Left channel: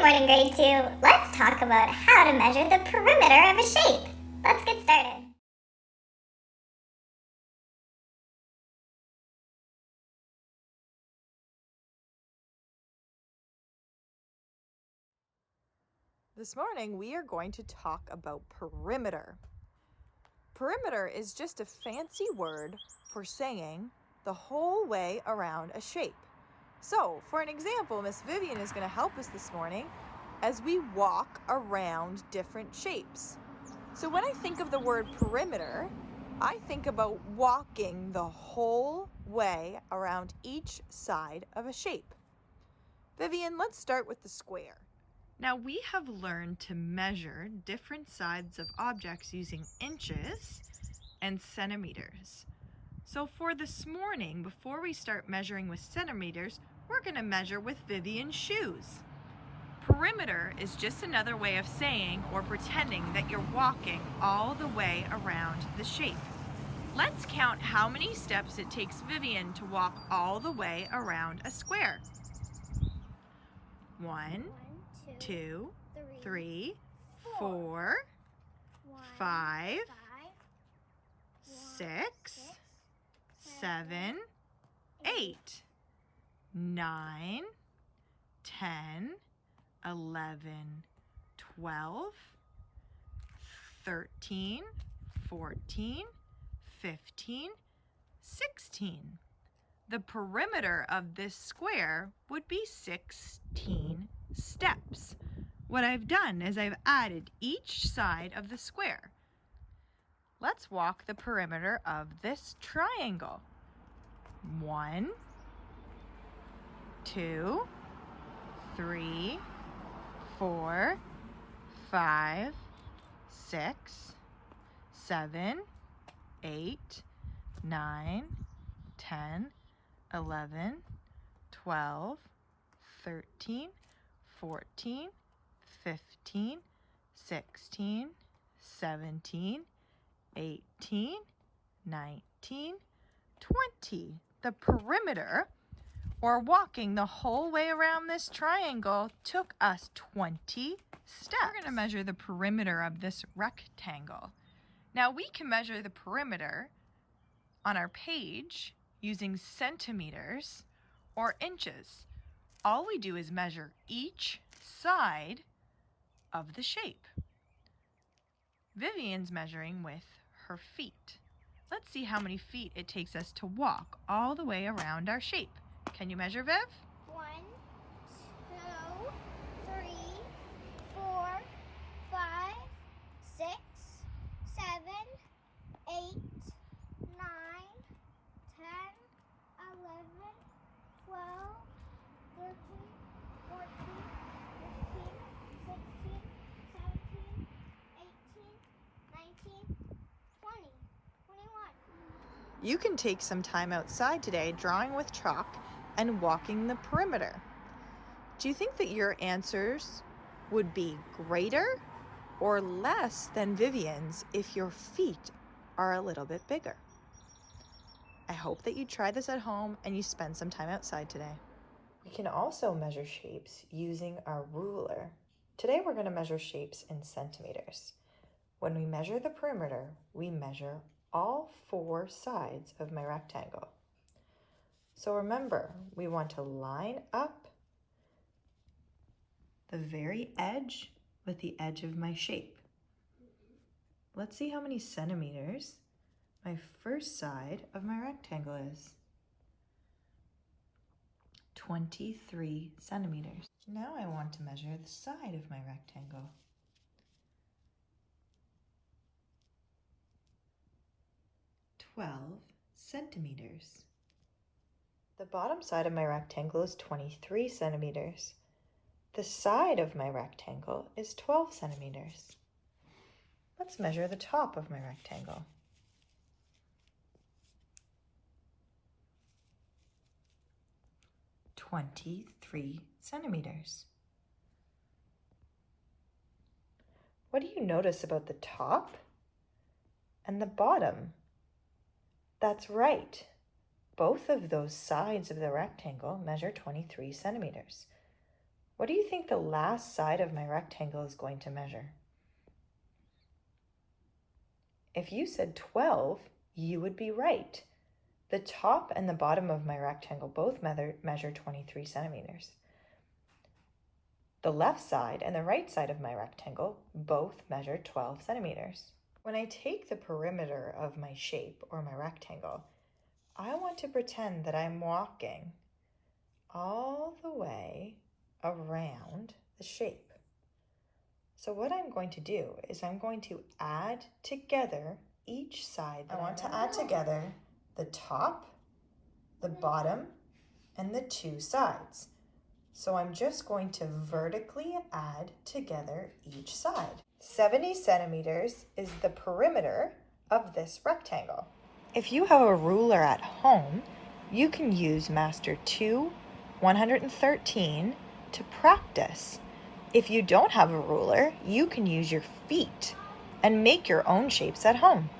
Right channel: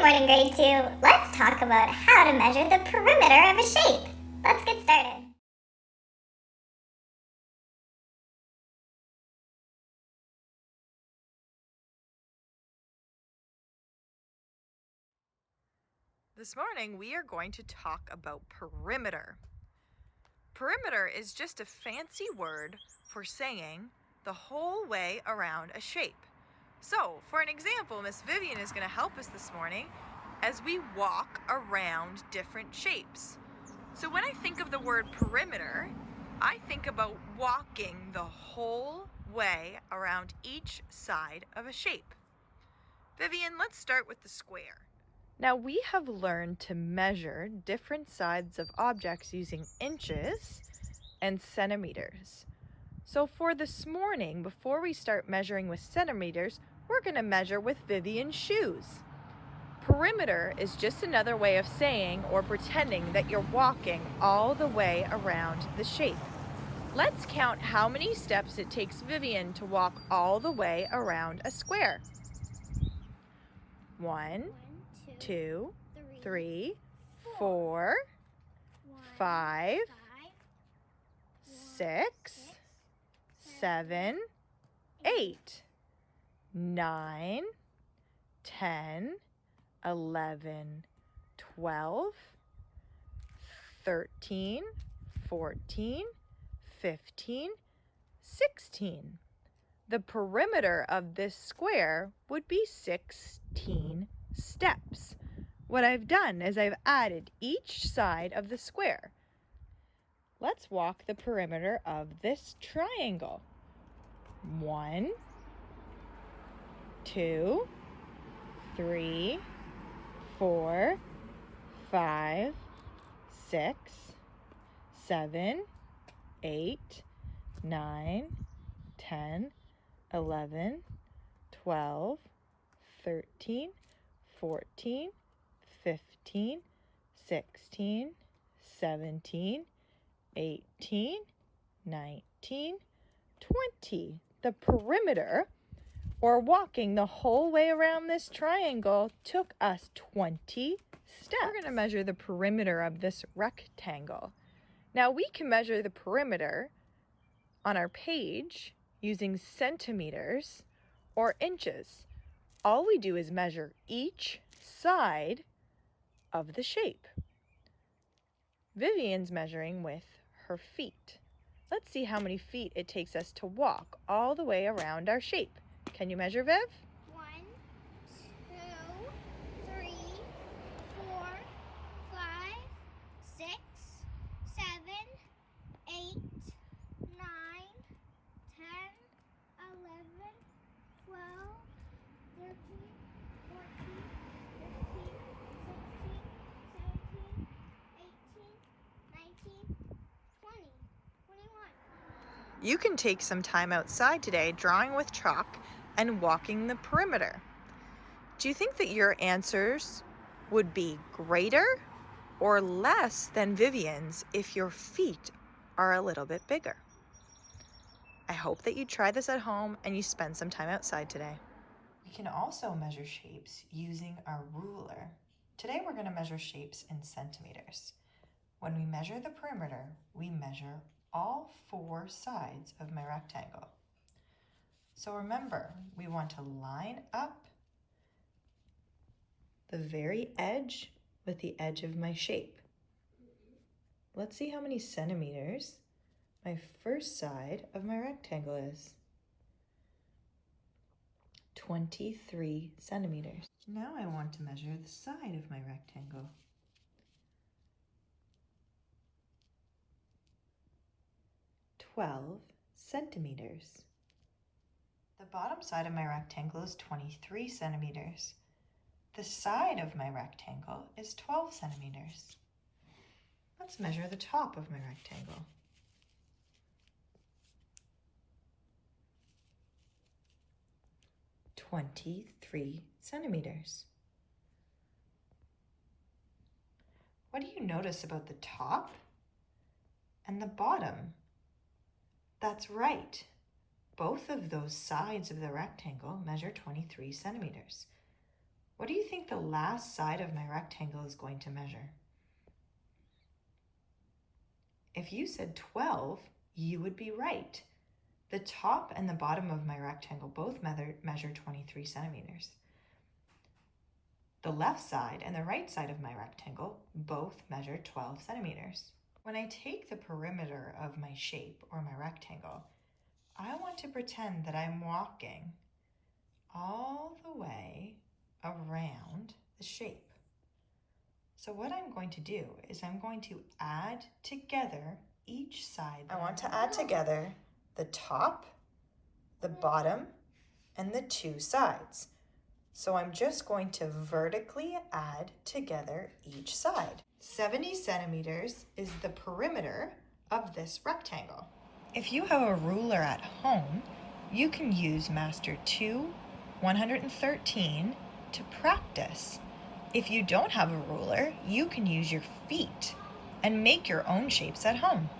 Good morning, grade 2. Let's talk about how to measure the perimeter of a shape. Let's get started. This morning we are going to talk about perimeter. Perimeter is just a fancy word for saying the whole way around a shape. So, for an example, Miss Vivian is going to help us this morning as we walk around different shapes. So when I think of the word perimeter, I think about walking the whole way around each side of a shape. Vivian, let's start with the square. Now we have learned to measure different sides of objects using inches and centimeters. So for this morning, before we start measuring with centimeters, we're going to measure with Vivian's shoes. Perimeter is just another way of saying or pretending that you're walking all the way around the shape. Let's count how many steps it takes Vivian to walk all the way around a square. 1, 2, 3, 4, 5, 6, 7, 8, 9, 10, 11, 12, 13, 14, 15, 16. The perimeter of this square would be 16 steps. What I've done is I've added each side of the square. Let's walk the perimeter of this triangle. 1, 2, 3, 4, 5, 6, 7, 8, 9, 10, 11, 12, 13, 14, 15, 16, 17, 18, 19, 20. The perimeter, or walking the whole way around this triangle, took us 20 steps. We're going to measure the perimeter of this rectangle. Now we can measure the perimeter on our page using centimeters or inches. All we do is measure each side of the shape. Vivian's measuring with her feet. Let's see how many feet it takes us to walk all the way around our shape. Can you measure, Viv? 1, 2, 3, 4, 5, 6, 7, 8, 9, 10, 11, 12, 13, 14, 15, 16, 17, 18, 19, 20, 21. You can take some time outside today drawing with chalk and walking the perimeter. Do you think that your answers would be greater or less than Vivian's if your feet are a little bit bigger? I hope that you try this at home and you spend some time outside today. We can also measure shapes using our ruler. Today we're going to measure shapes in centimeters. When we measure the perimeter, we measure all 4 sides of my rectangle. So remember, we want to line up the very edge with the edge of my shape. Let's see how many centimeters my first side of my rectangle is. 23 centimeters. Now I want to measure the side of my rectangle. 12 centimeters. The bottom side of my rectangle is 23 centimeters. The side of my rectangle is 12 centimeters. Let's measure the top of my rectangle. 23 centimeters. What do you notice about the top and the bottom? That's right. Both of those sides of the rectangle measure 23 centimeters. What do you think the last side of my rectangle is going to measure? If you said 12, you would be right. The top and the bottom of my rectangle both measure 23 centimeters. The left side and the right side of my rectangle both measure 12 centimeters. When I take the perimeter of my shape or my rectangle, I want to pretend that I'm walking all the way around the shape. So what I'm going to do is I'm going to add together each side. I want to add together the top, the bottom, and the two sides. So I'm just going to vertically add together each side. 70 centimeters is the perimeter of this rectangle. If you have a ruler at home, you can use Master 2 113 to practice. If you don't have a ruler, you can use your feet and make your own shapes at home.